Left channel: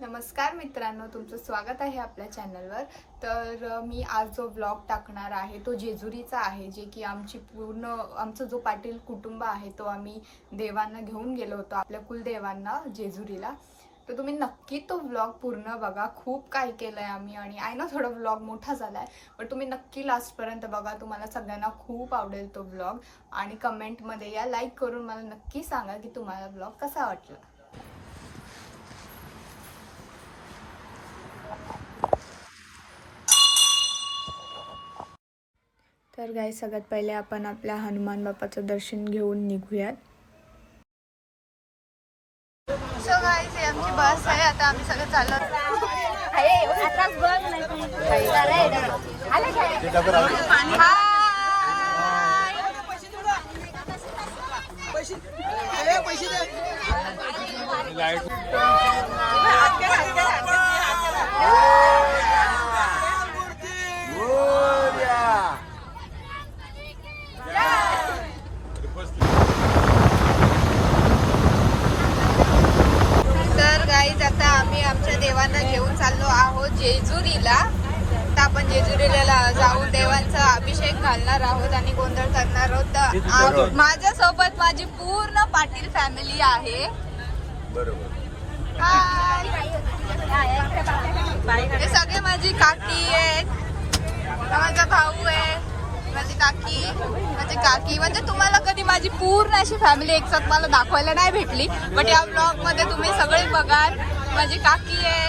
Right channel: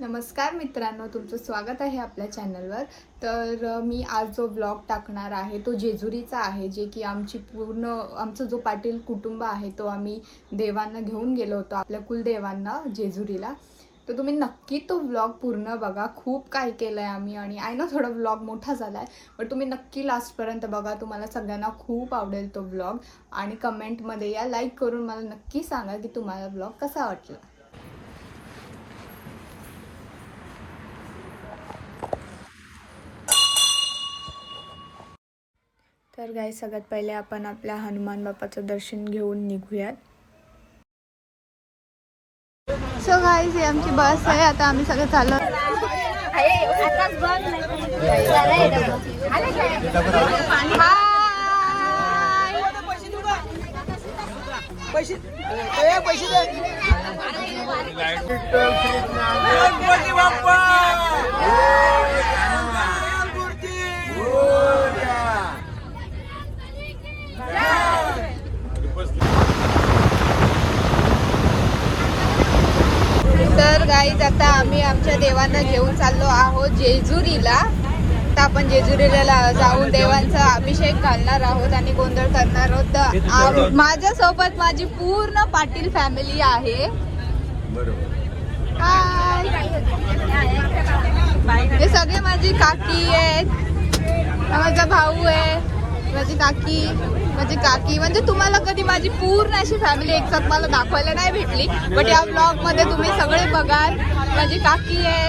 नमस्कार मित्रांनो, तुमचं स्वागत आहे आपल्या चॅनलवर। तर मी आज जो ब्लॉग टाकणार आहे तो जेजुरीचा आहे, जे की आमचं जो पाटील कुटुंब आहे तो आम्ही देवांना घेऊन गेलो होतो, आपल्या कुलदेवांना जेजुरीला। तर तुम्ही नक्की तो ब्लॉग पूर्ण बघा, खूप काय केलंय आम्ही। आणि आय नो थोडा ब्लॉग मोठा झालाय, पण तुम्ही नक्की लास्टपर्यंत बघा, तुम्हाला सगळ्यांना खूप आवडेल तो ब्लॉग। आणि कमेंटमध्ये या लाईक करून मला नक्की सांगा की तुम्हाला ब्लॉग कसा वाटला। तर गाईस, सगळ्यात पहिले आपण आपल्या हनुमान बाप्पाचं दर्शन घेऊन निघूयात। सो गाईस, ही आमची बस आहे, आता आम्ही सगळे चाललो। तर गाईज, आता आम्ही आमच्या देवांना घेऊन चाललो आहोत जेजुरीला। तर आपण जेजुरीला जाऊन देवांचा अभिषेक घालणार आहोत आणि गोंधळ करणार आहोत। तर माझ्यासोबत माझी पूर्ण पाटील फॅमिली आहे। हाय, हे सगळे माझी काकी आहेत, माझा भाऊ आहे, माझी काकी म्हणजे तुम्हाला कधी माझी पूर्ण अशी फॅमिली एकसाथ मला दाखवायला नाही भेटली, बट या ब्लॉग मध्ये तुम्ही सगळे बघाल। माझी काकी आहे,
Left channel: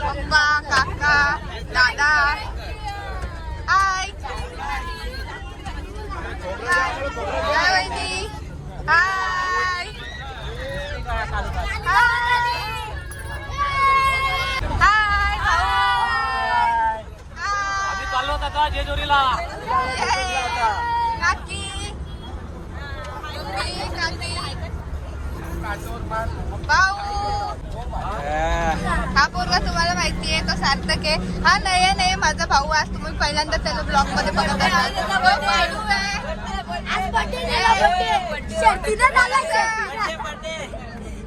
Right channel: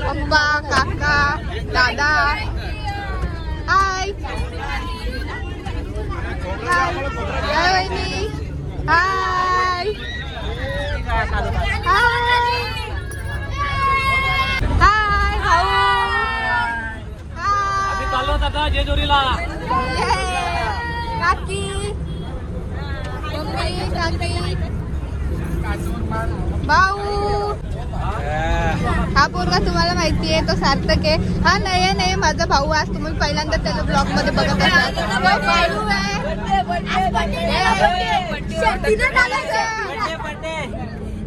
पप्पा, काका, दादा। हाय हाय हाय वहिनी, हाय हाय हाय भाऊ, आम्ही चाललो आता जेजुरीला। काकी, मम्मी, काकी, भाऊ। हा पोरगा तुम्हाला माहिती आहे, तो सार्थक आहे। हा नयन आहे, माझा भाऊ। आज तुम्ही पहिल्यांदा त्याला ब्लॉग मध्ये बघत असाल। भाऊ आहे,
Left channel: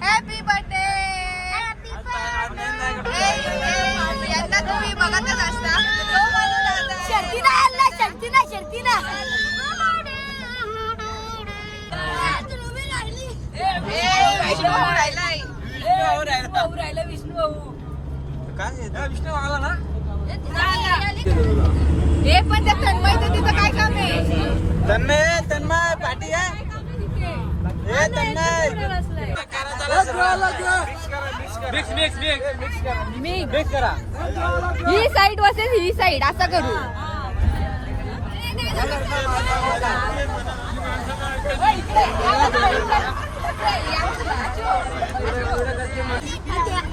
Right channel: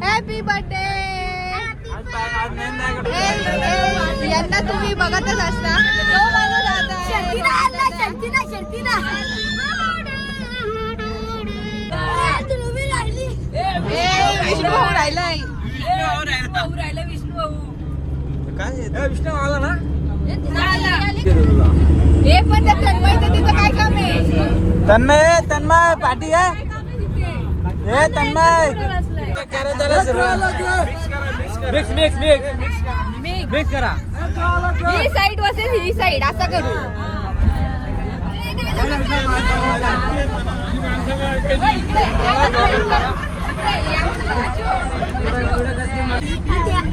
हॅपी बर्थडे। यांना तुम्ही बघतच असता, तो माझा दादा विष्णू भाऊ राहिलाय, विष्णू आला ना। हे पण त्या तन्मयचं तिथं काय काम आहे? तन्मय पाठी आहे। हे तन्मय ही साईड वर्सेस ही साईड, असं करू।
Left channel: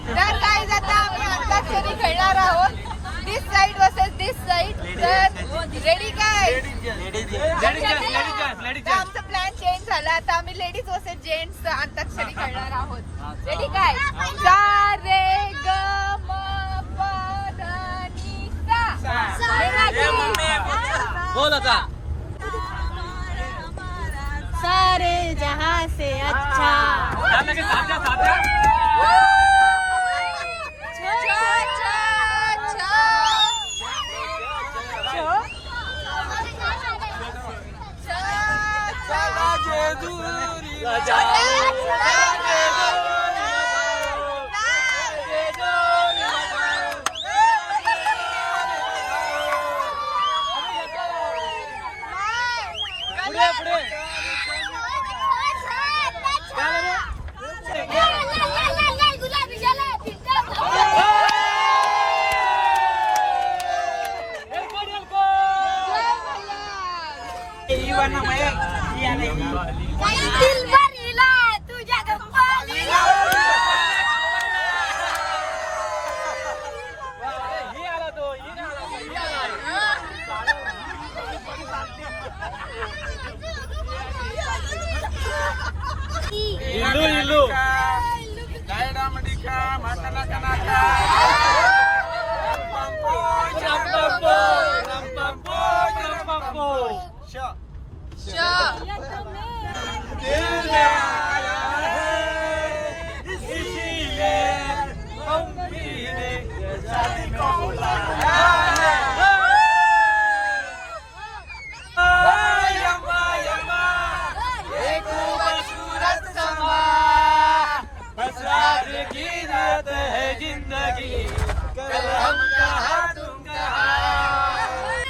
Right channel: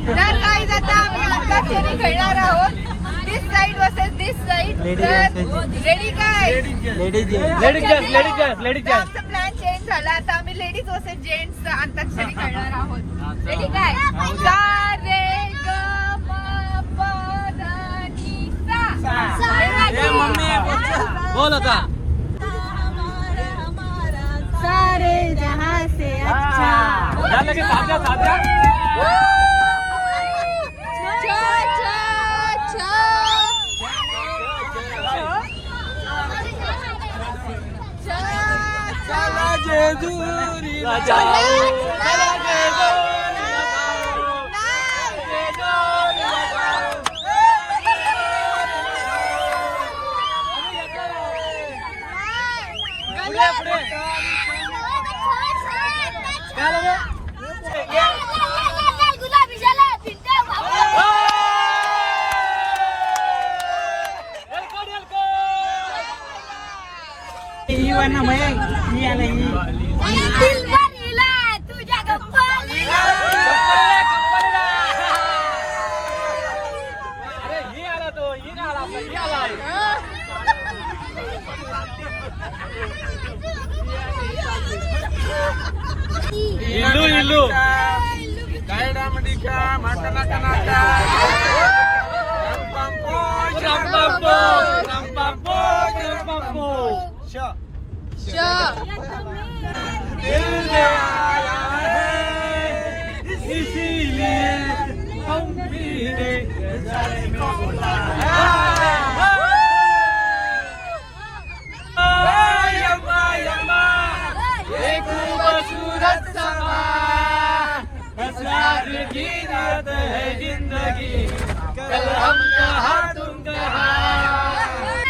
तर काय जाता आम्ही खेळणार आहोत, दिस साईड वर्सेस दिस साईड। रेडी काय? लेडीज प्लॅन चेंज झाला, आता आम्ही लेडीज वर्सेस जेंट्स अंताक्षरी खेळणार आहोत। रेडी काय? सा रे ग म प ध नि सा। सारे जहां से अच्छा। शिकायत है जिंदगी कल हम कहाँ तुम कहाँ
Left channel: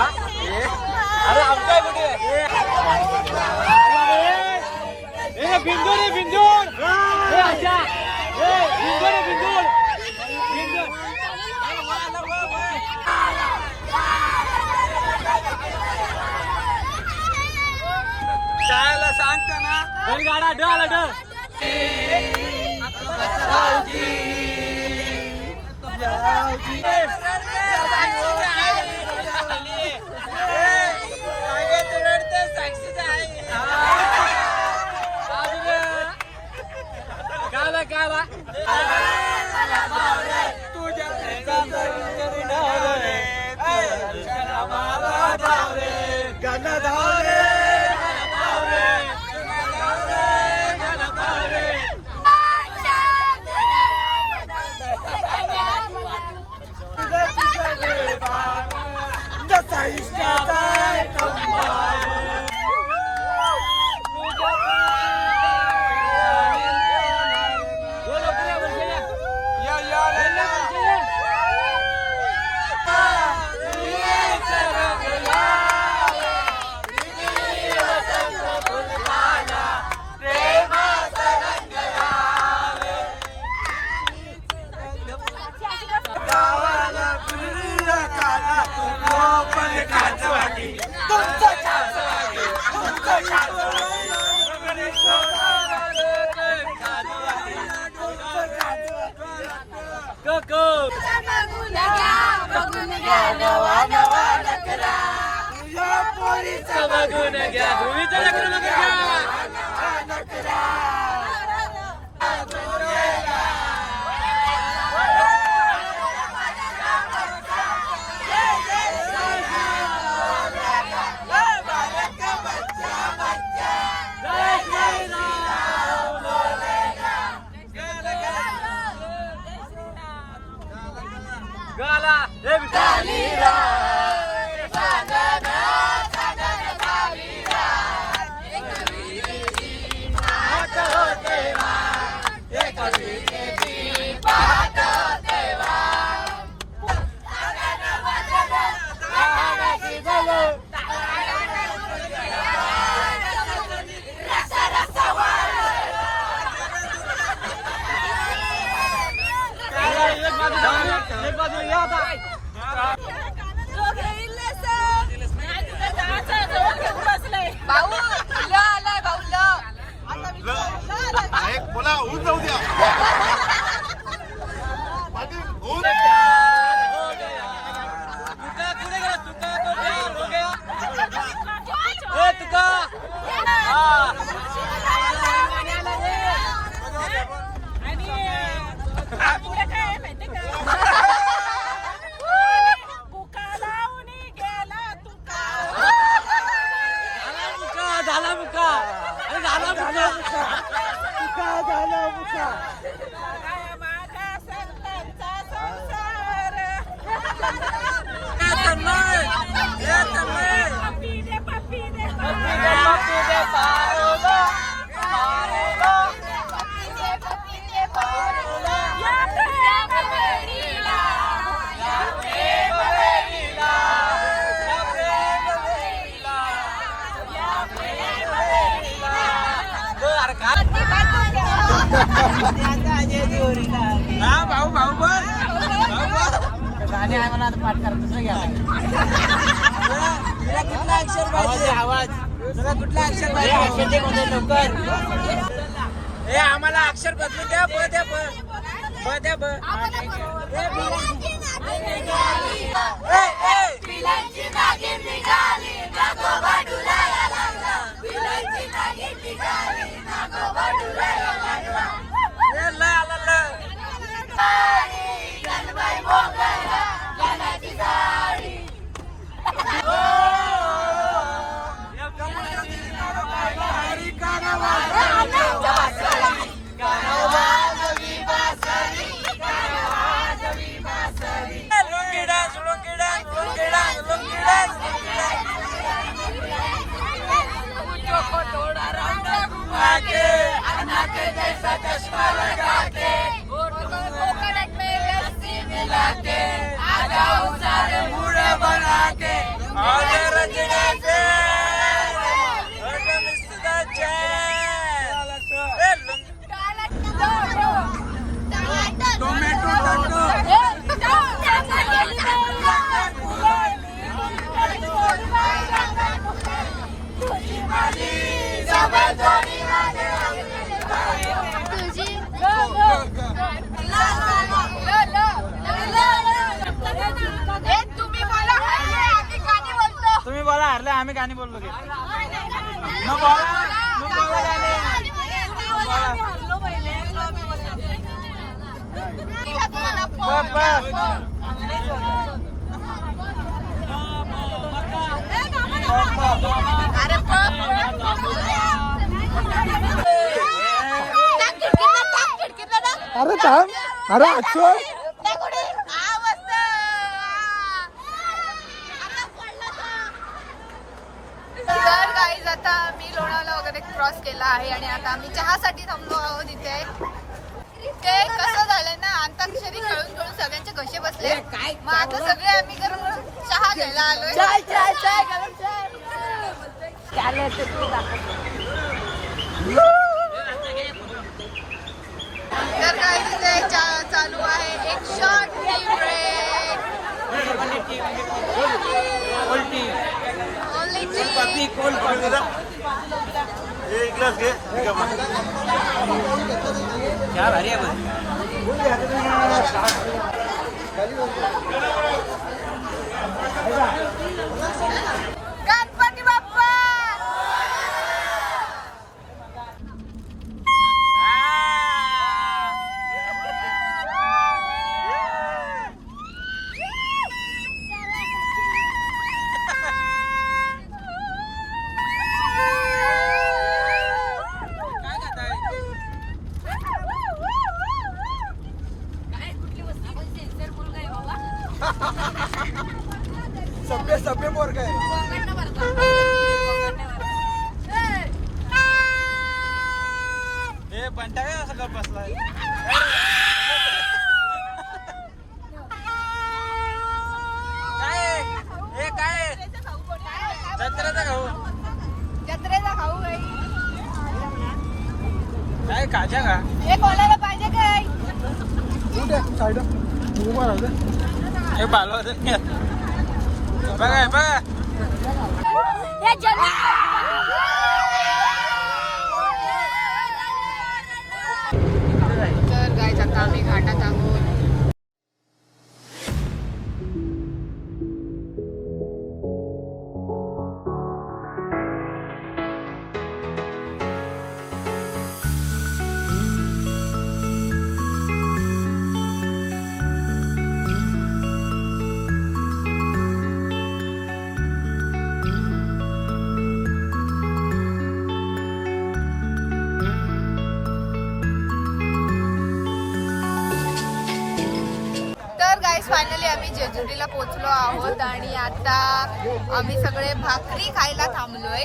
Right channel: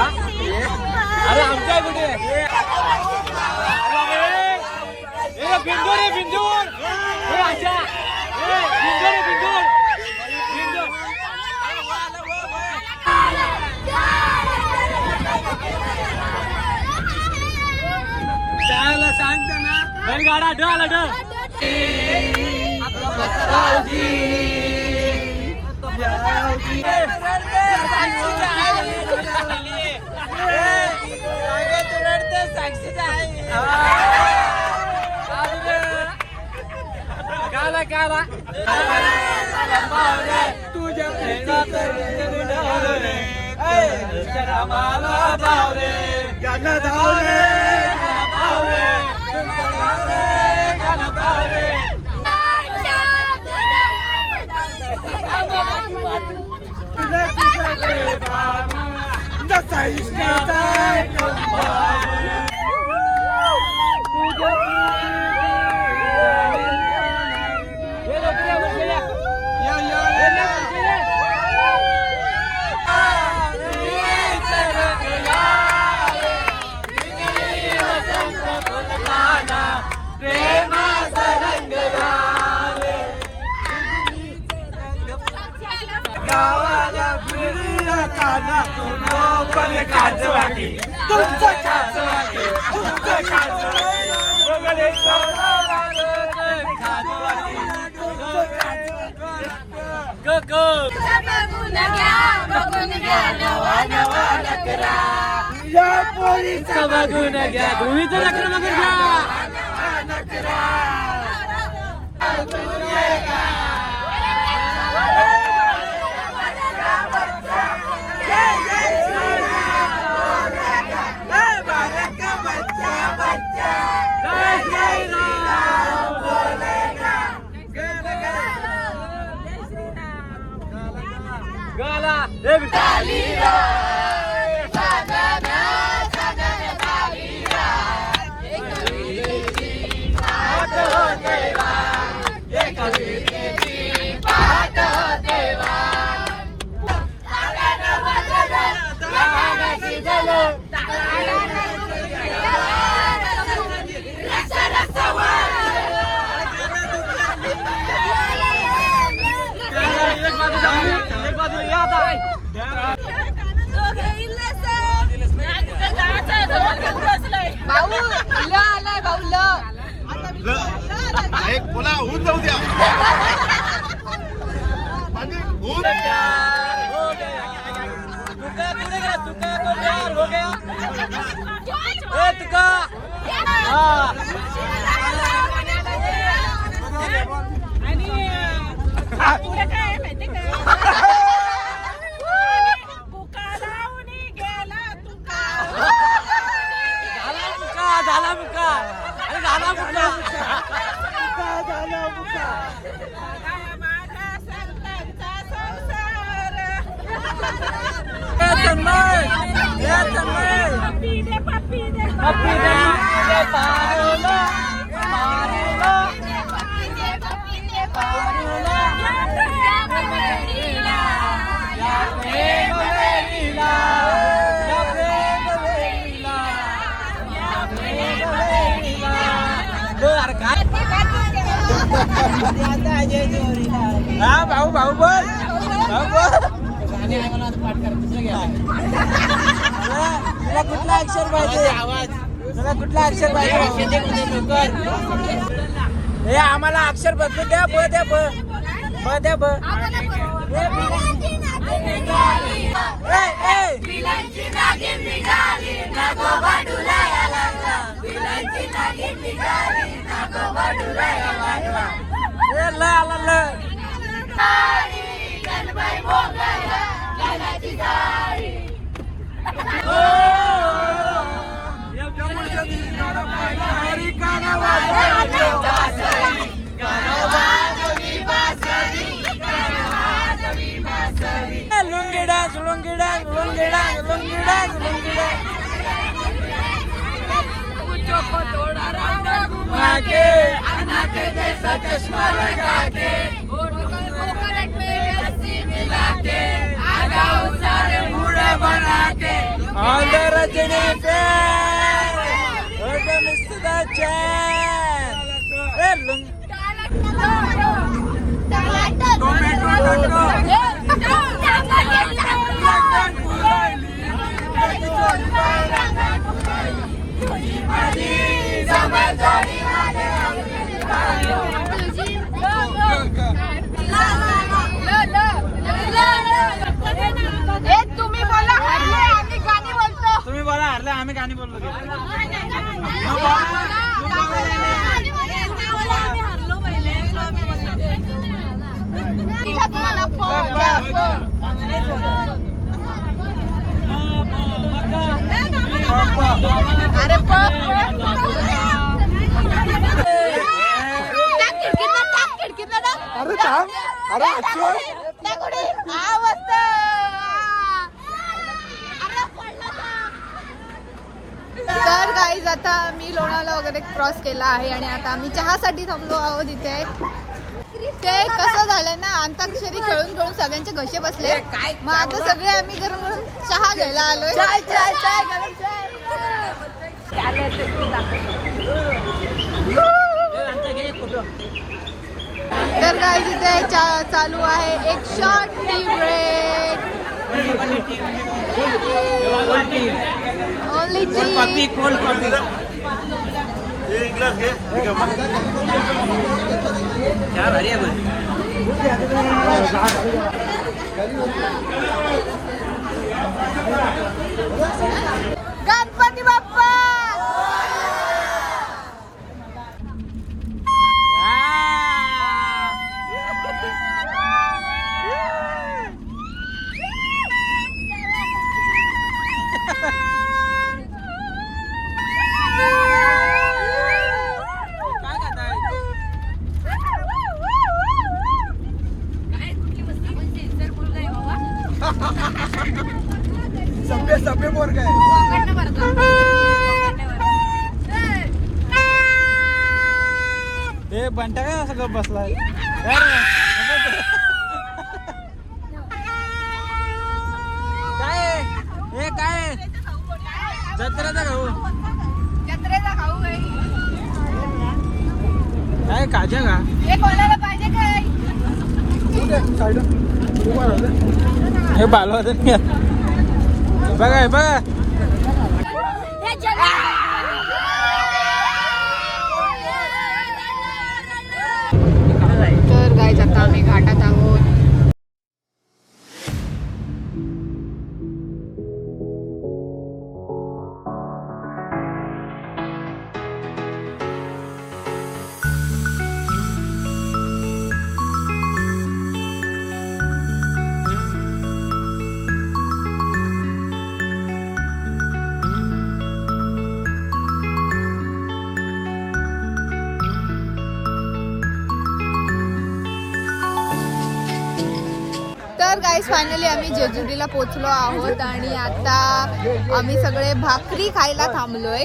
अरे आमच्या कुठे बिंदू रे बिंदू अच्छा बिंदू रे बिंदू बिंदू जायला सांगता ना गाडा ढळ तुझ्या गाणं धावले या पोलीसचा बघून घ्या ध्रुवीचं लग्न घ्या बोला होऊन जाऊ द्या हा भाऊ भाऊ बोल गाणे आहे मला आता पाठ कर दुसरं घ्या तुला कुठला अक्षर पाहिजे आवाज तुला कुठला अक्षर पाहिजे अक्षर दे कोणतं लवकर हे आम्हाला अक्षर बदलू द्या ब द्या ब द्या ब lungi dance lungi dance lungi dance lungi dance lungi dance को थोड़ा राउंड घुमा के अनाक जैसा चश्मा लगा के कोकोनट में लस्सी मिला के आ जाओ सारे बूढ़े बना के ऑल द रजनी पे वेलकम टू द चैन ए लुंगी तुम्ही बोला हरले आम्ही गाणी बोललो अरे अरे थांब अरे तर गाईज आता मी लोणावळा वगैरे क्रॉस केला आहे आणि आता आम्ही चहासाठी थांबलो आहोत इथे. ते कसं झालंय ना, अंताक्षरी खेळून खेळून सगळ्यांचे घसे बसले. मग आता सगळे आम्ही गरम गरम चहा घ्यायला आलोय. तर काय तिथे चालू आहे एक short tea break. Only tea. Ganpati Bappa. सभ्य बोर काय ते बंटा काय असं गप बसलाय. काय हे काय जत्रेचा खाऊ. जत्रेला खाऊ काय काजा का हे कोणाला पाहिजे काय. हे बालवा बघा बघा. तर गाईज आता आम्ही घाटात आहोत. तर गाईज फायनली आम्ही जेजुरीला पोहोचलो आहोत आणि आता आम्ही सगळे भाकरी खायला थांबलोय.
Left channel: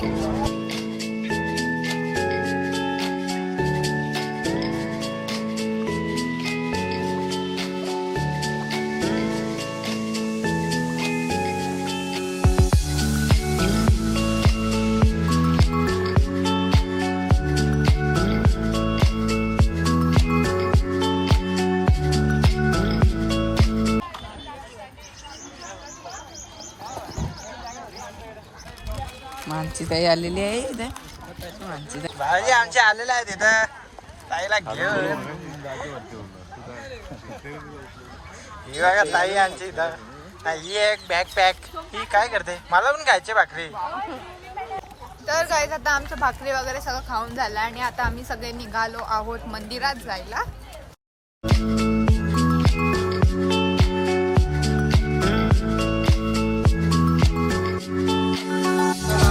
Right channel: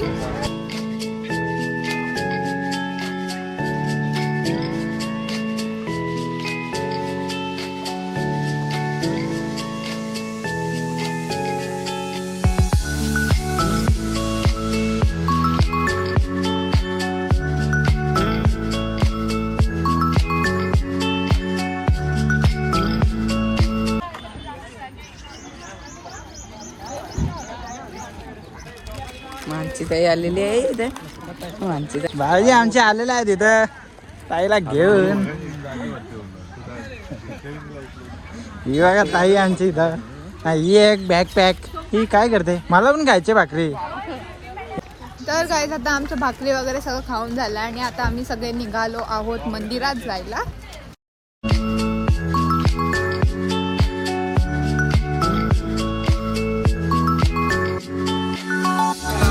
आमची ताई आलेली आहे इथं. आमची ताई भाऊजी आमचे आलेले आहेत इथं ताईला घेऊन. ही बघा ताई आमची इथं. ही एक बॅकपॅक. ही काय करते? मला पण खायची भाकरी. तर गाईज आता आमचं भाकरी वगैरे सगळं खाऊन झालं आणि आता आम्ही सगळे निघालो आहोत मंदिरात जायला.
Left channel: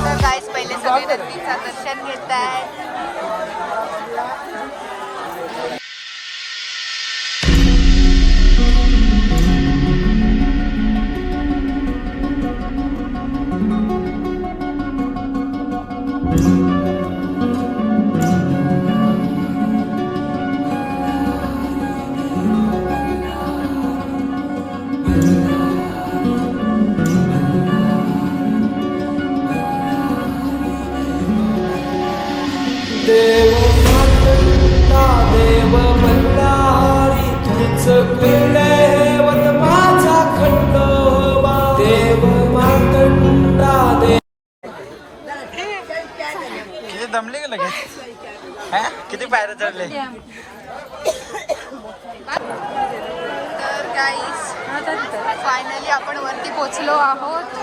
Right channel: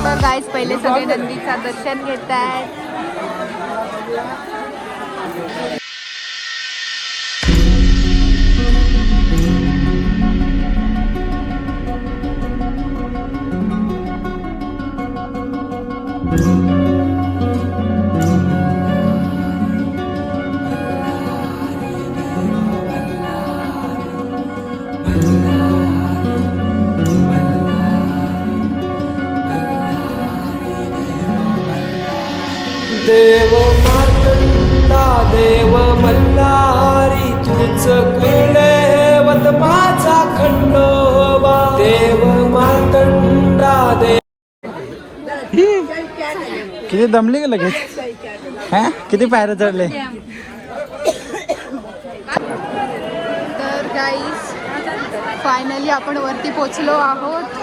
तर गाईज पहिले सगळे नंदीचं दर्शन घेत आहेत. देव मार्तंडा देव मल्हारी तूच कुलदैवत माझा खंडोबा. देव मार्तंडा देव. किती दमली का लगेच? हा किती पायऱ्या चढले? तर गाईज फायनली आपण वरती पोचलो आहोत.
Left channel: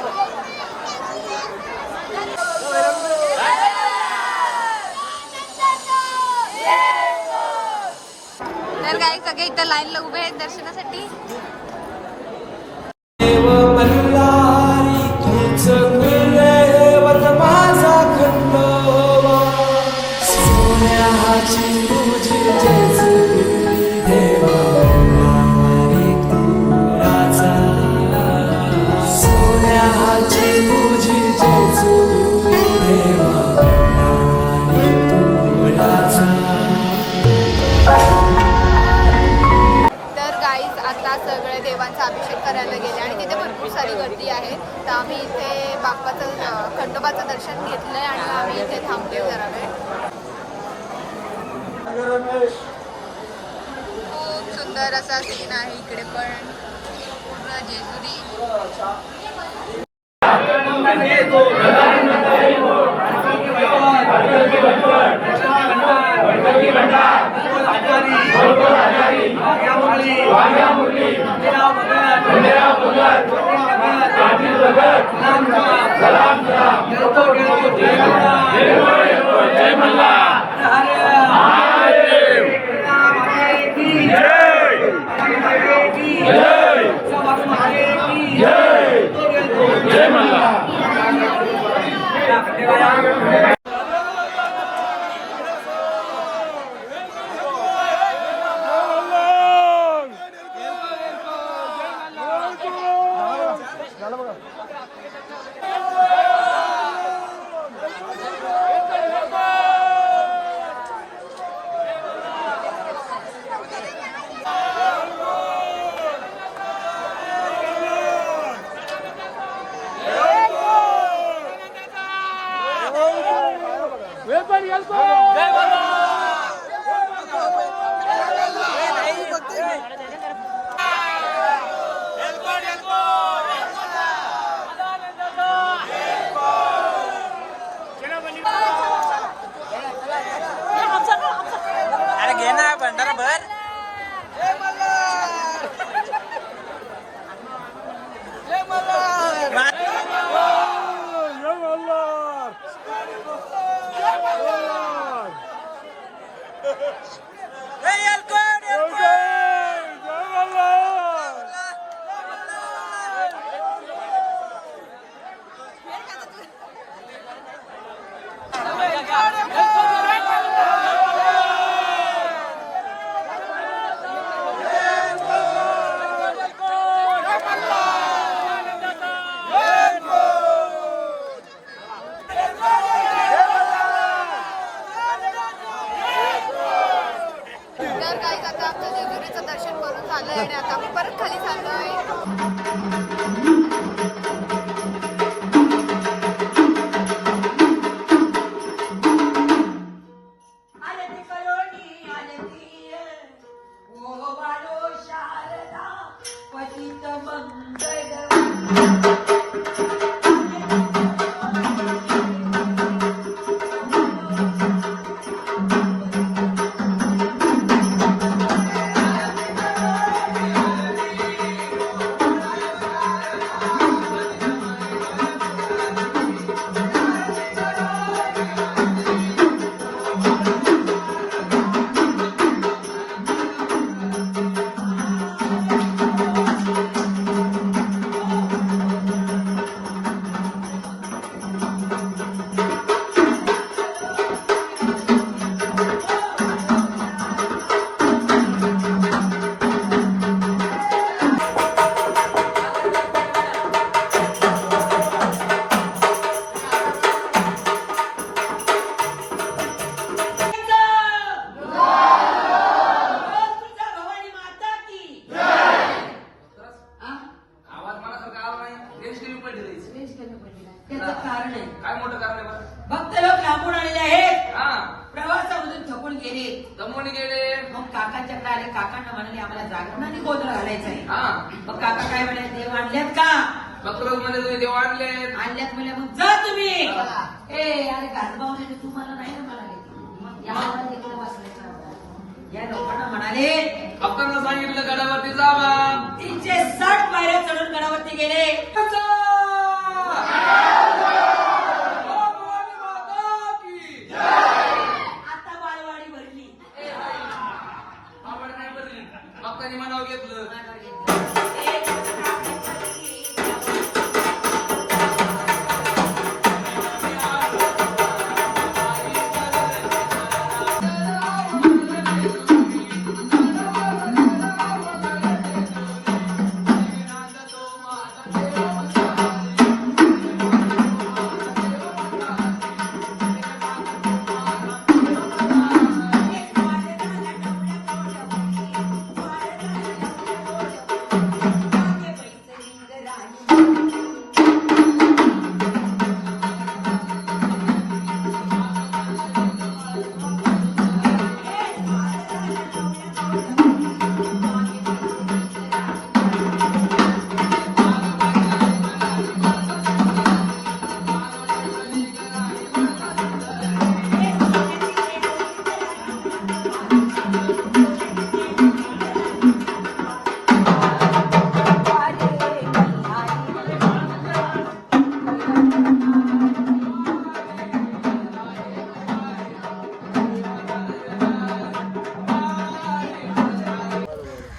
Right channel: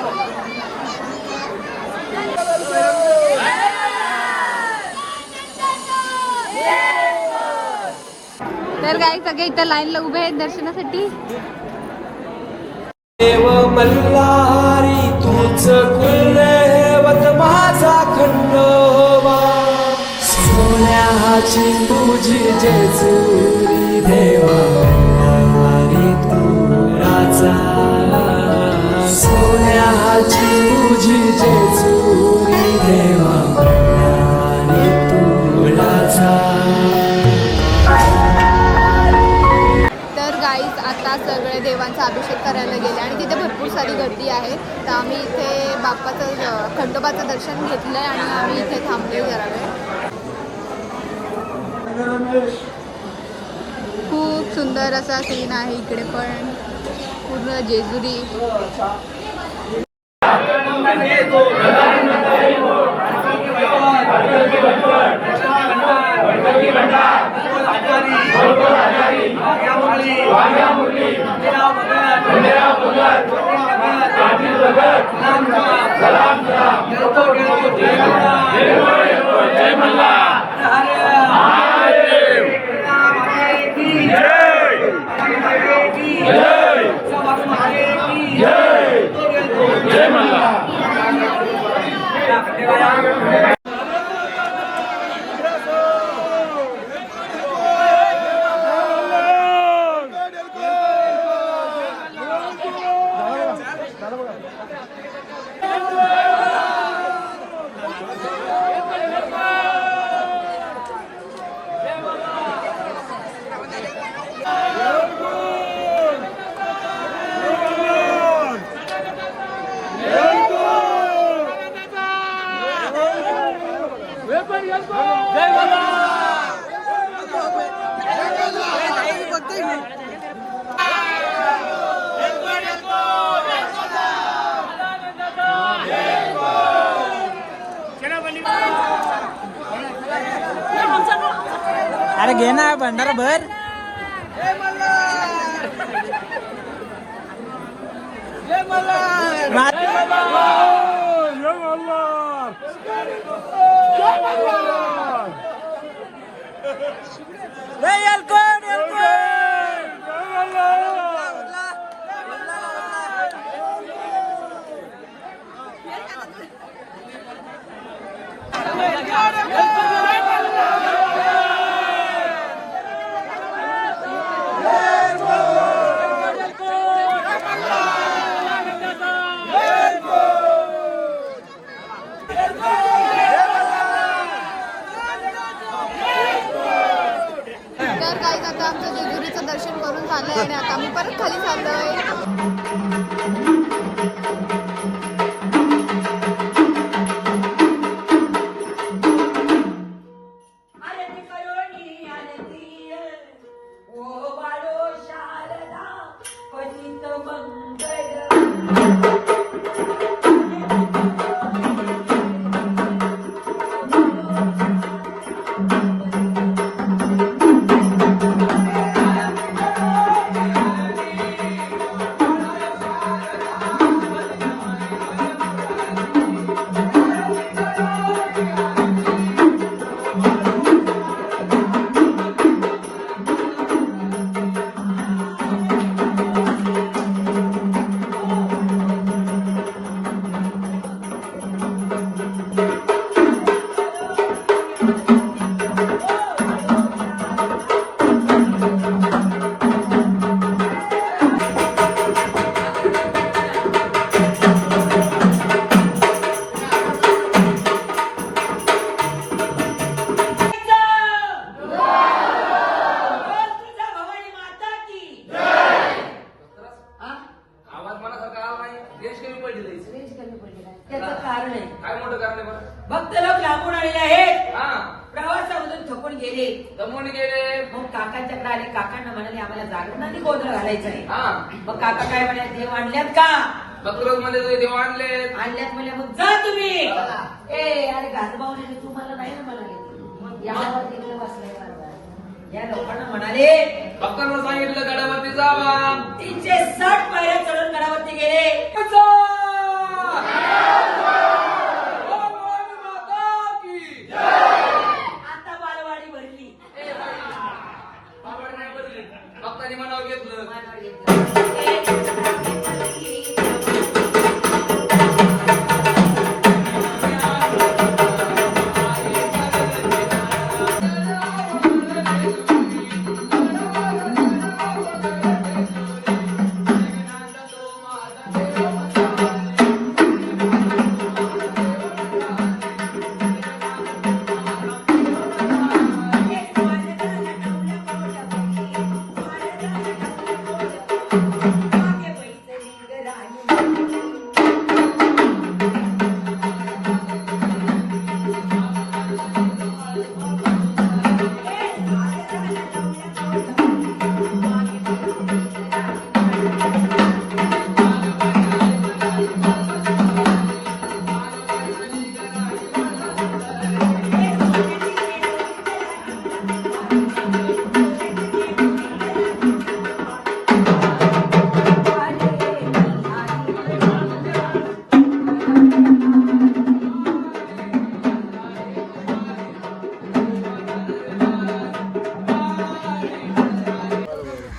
तर गाईज सगळे इथं लाईनला उभे आहेत दर्शनासाठी. देव मल्हारी तूच कुलदैवत माझा खंडोबा. सोन्याची तुझी जेजुरी देवा मल्हारी तू राजा. सोन्याची तुझी जेजुरी देवा मल्हारी तू राजा. तर गाईज आता सगळे देवांचा अभिषेक करायला गेले आणि तिथे भरपूर सारी गर्दी आहे. तर आम्ही इथे बाप्पाचं खंडोबाचं दर्शन घेतलंय आणि आम्ही इथे थांबले जरा वेळ. खूप सुंदर असा सीन आहे इकडे पण पूर्ण जेजुरी. अरे घे ना भंडारा भर. आता आमचं जेजुरीचं दर्शन करून झालंय आणि आता आम्ही परत खाली चाललोय. कारण आहे. काय मोठं काम नाही बरं? भक्त लोक लांबून आलेले आहेत, हा प्रवासामधून थकून गेले. जमून गेले. मग काकांच्याकडे आले. काकांना म्हणाले आम्हाला जागरण आणि गोंधळ घालायचा आहे. हा मग काका काय म्हणाले, देव आणल्यात का? बकरोज मध्ये तुझे देव आणले. आणल्यात म्हणे मग जा तुम्ही. ए अरे गाजबावले तू मला नाही ना म्हणाले. मग यावर तिकडे बसलाय का? या लोकांना म्हणाले भक्तांना सांगितलं गडावरती जा बा. 360 पायऱ्या चढून गडावरती गेले. जा! बोल, बोल, माता की जय. आता बालवाडी भरली. आवड नाही बदली. भक्तांनी मनावर घेतलं.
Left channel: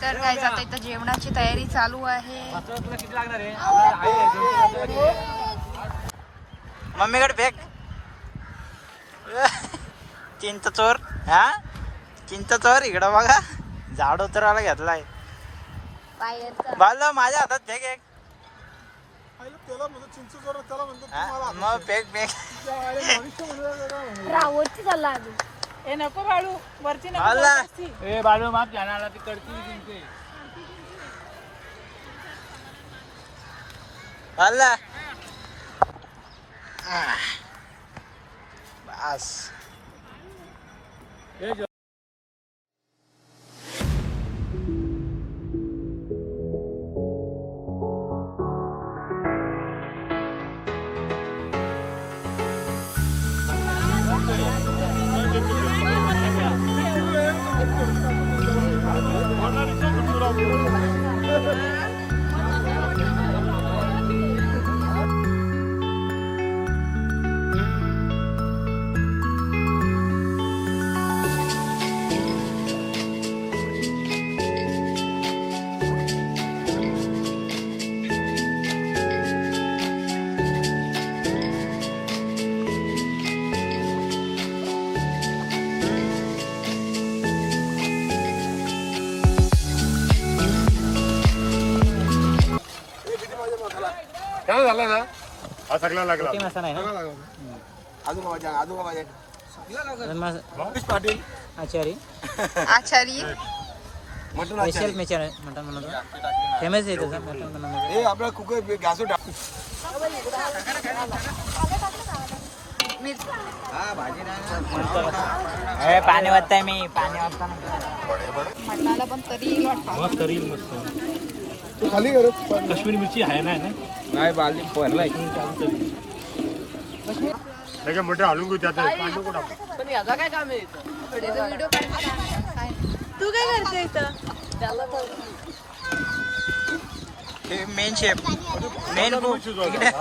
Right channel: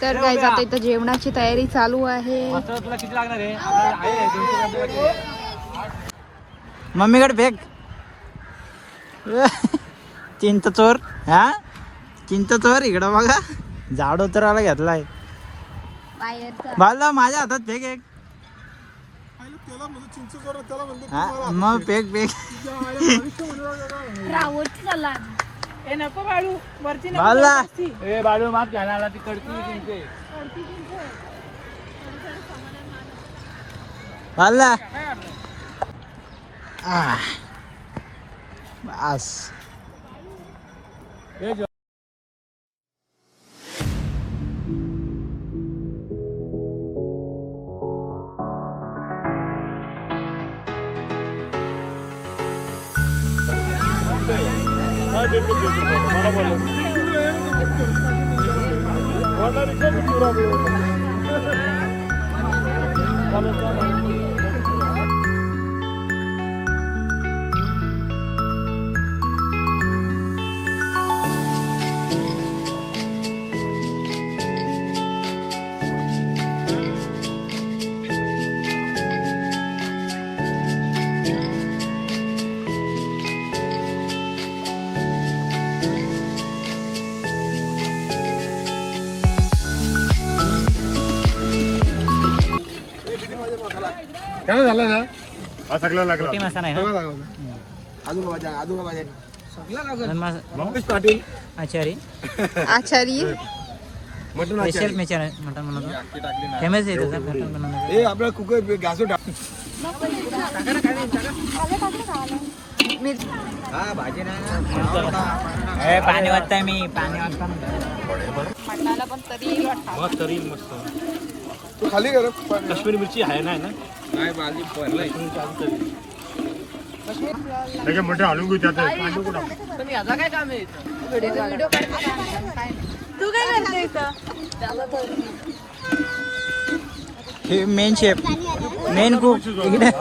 तर काय जात इथं जेवणाची तयारी चालू आहे. तुला किती लागणार आहे? मम्मीकडे फेक. चिंच चोर. हा चिंच चोर इकडं बघा. झाड उतरायला घेतलाय. बाला माझ्या हातात फेक एक. त्याला म्हणतो चिंच जोर, त्याला म्हणतो हा, मग फेक फेक. नको बाळू वरती बाला ए बाळू माप घ्यायला ती कडकी चिंचे. बाला बस. काय झालं ना हा सगळं लागला. सगळं लागला. आजोबा माझ्या मंगेश पाटील आचार्य मटण आचारी. ए आपला कुकर गॅस टाक. पाणी वाटतंय मी. पाणी वाटतं तू खाली कर. कश्मीरी मिरची आहे ना? नाही बाली भरलाय. मोठे हलून घेऊ त्यात. तुम्ही याचा काय काम आहे? हे मेन शेफ, मेन कुक इकडे.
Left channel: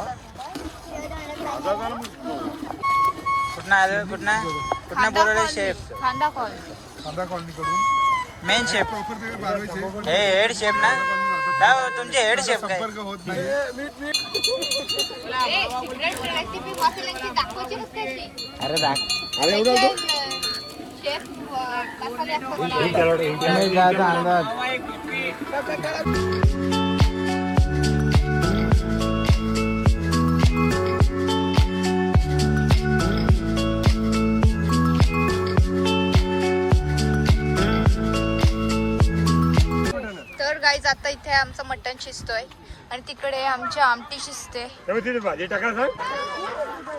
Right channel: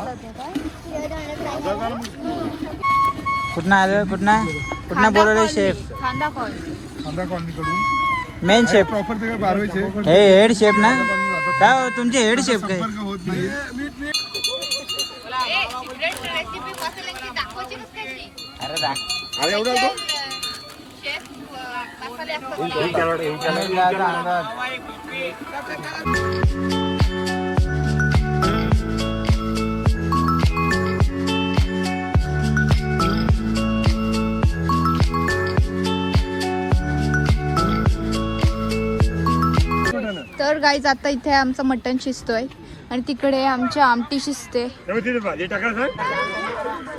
कुठनं आलं? कुठनं बोलवलं शेफ? आमच्या कॉलनीकडून मेन शेफ. प्रॉपर ते बारवायचे. हे हेड शेफ ना? काय हो, तुमचे हेड शेफ काय? संपर्क होत नाही. अरे एवढा तर गाईज गाईज आता इथे आमचं मटण शिजतोय आणि तिकडे आमची आमटी शिजते. भाजी टाकायचं.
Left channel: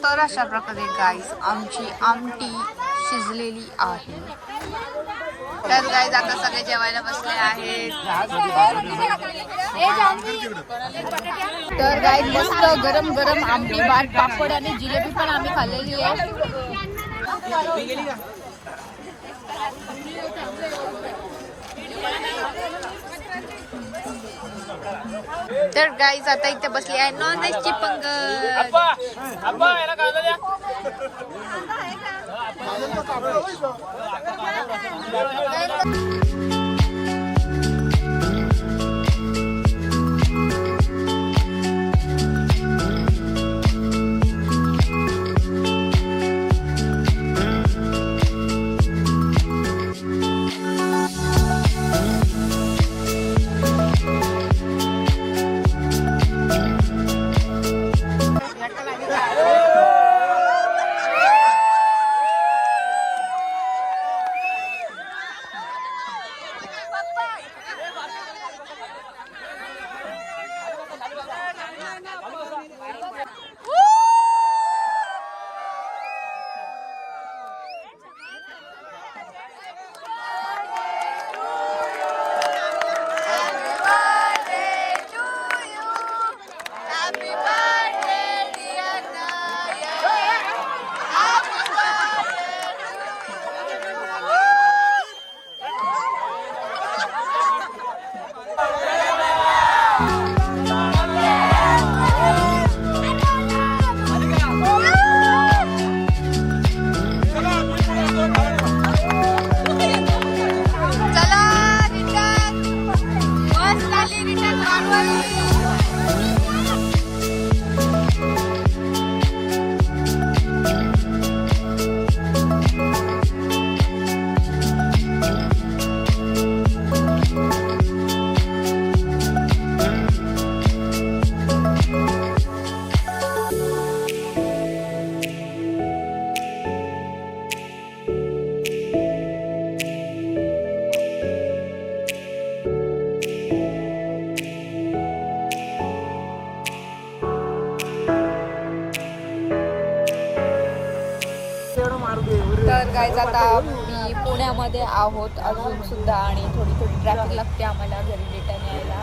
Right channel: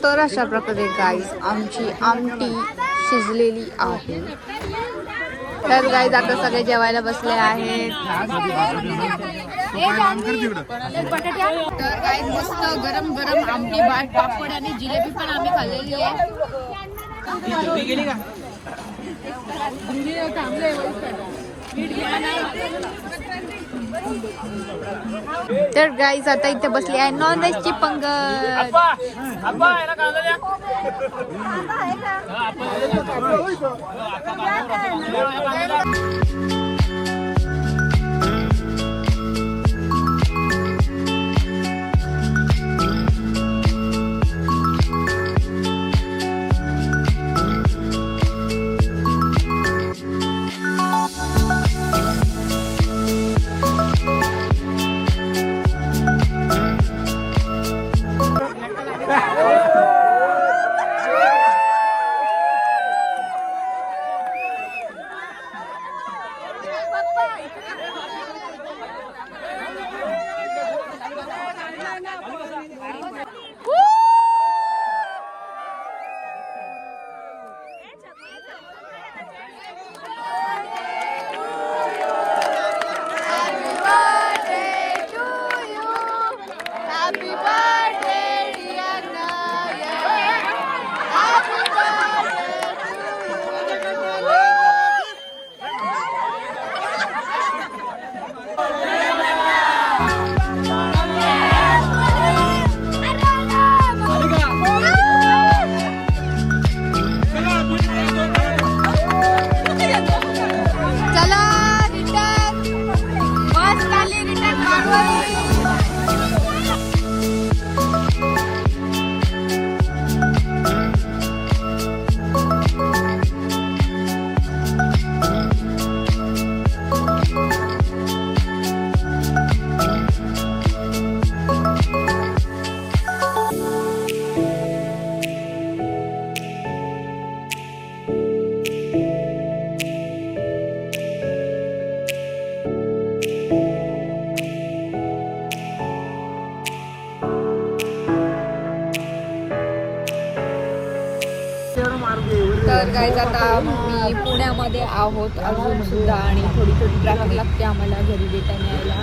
तर अशा प्रकारे गाईज आमची आमटी शिजलेली आहे. तर गाईज आता सगळे जेवायला बसले आहे. तर गाईज मस्त गरम गरम आमटी भात पापड आणि जिलेबी पण आम्ही खाल्लेली आहे. तर गाईज आता इथे बसली आहे नॉनव्हेजची पंगत. तर गाईज आता मी पुण्यामध्ये आहोत अजून सुद्धा आणि थोडी ट्रॅफिक लागते आम्हाला घरी भेटायला यायला.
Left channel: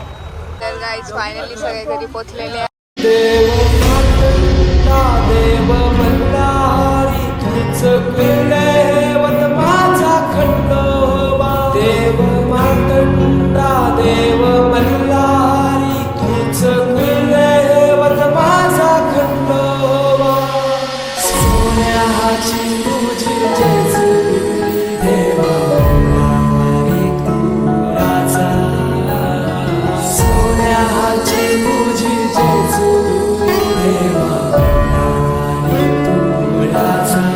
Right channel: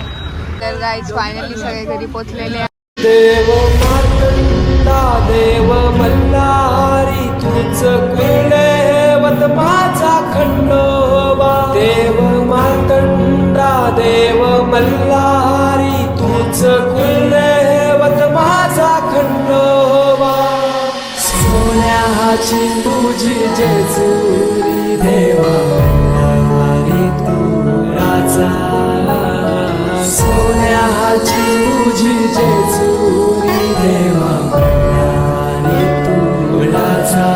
तर गाईज फायनली सगळे घरी पोहोचलेले. देव मार्तंडा देव मल्हारी तूच कुलदैवत माझा खंडोबा. देव मार्तंडा देव मल्हारी तूच कुलदैवत माझा खंडोबा. सोन्याची तुझी जेजुरी देवा मल्हारी तू राजा. सोन्याची तुझी जेजुरी देवा मल्हारी तू राजा.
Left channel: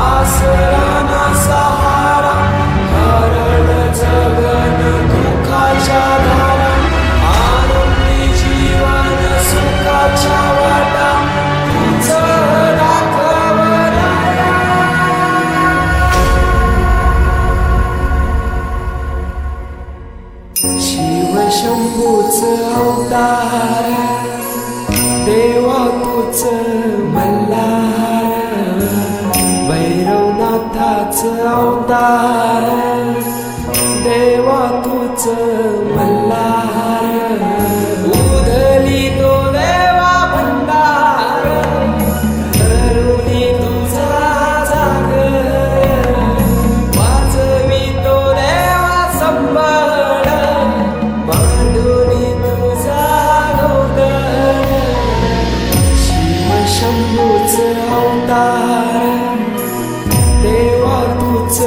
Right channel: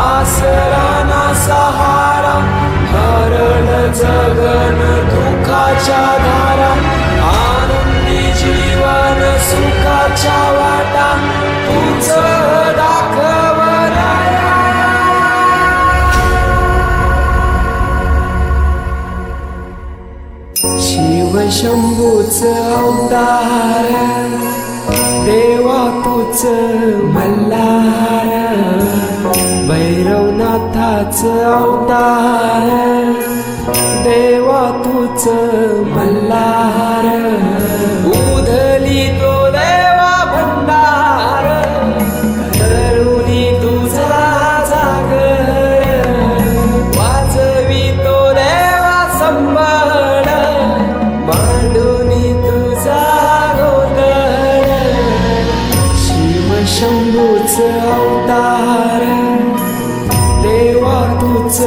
आसरा ना सहारा हरण जगन दुःखाच्या धारा. आनंदी जीवन सुखाच्या वाटा तूच दाखव राया. शिव शंभूच अवतार देवा तूच मल्हार. भैरवनाथाच अवतार देवा तूच मल्हार. उधली तो देवा भंडार धरुणी तुझा जागर. वाजवी तो देवा संबळ मांडुनी तुझा गोंधळ. शिव शंभूच अवतार देवा तूच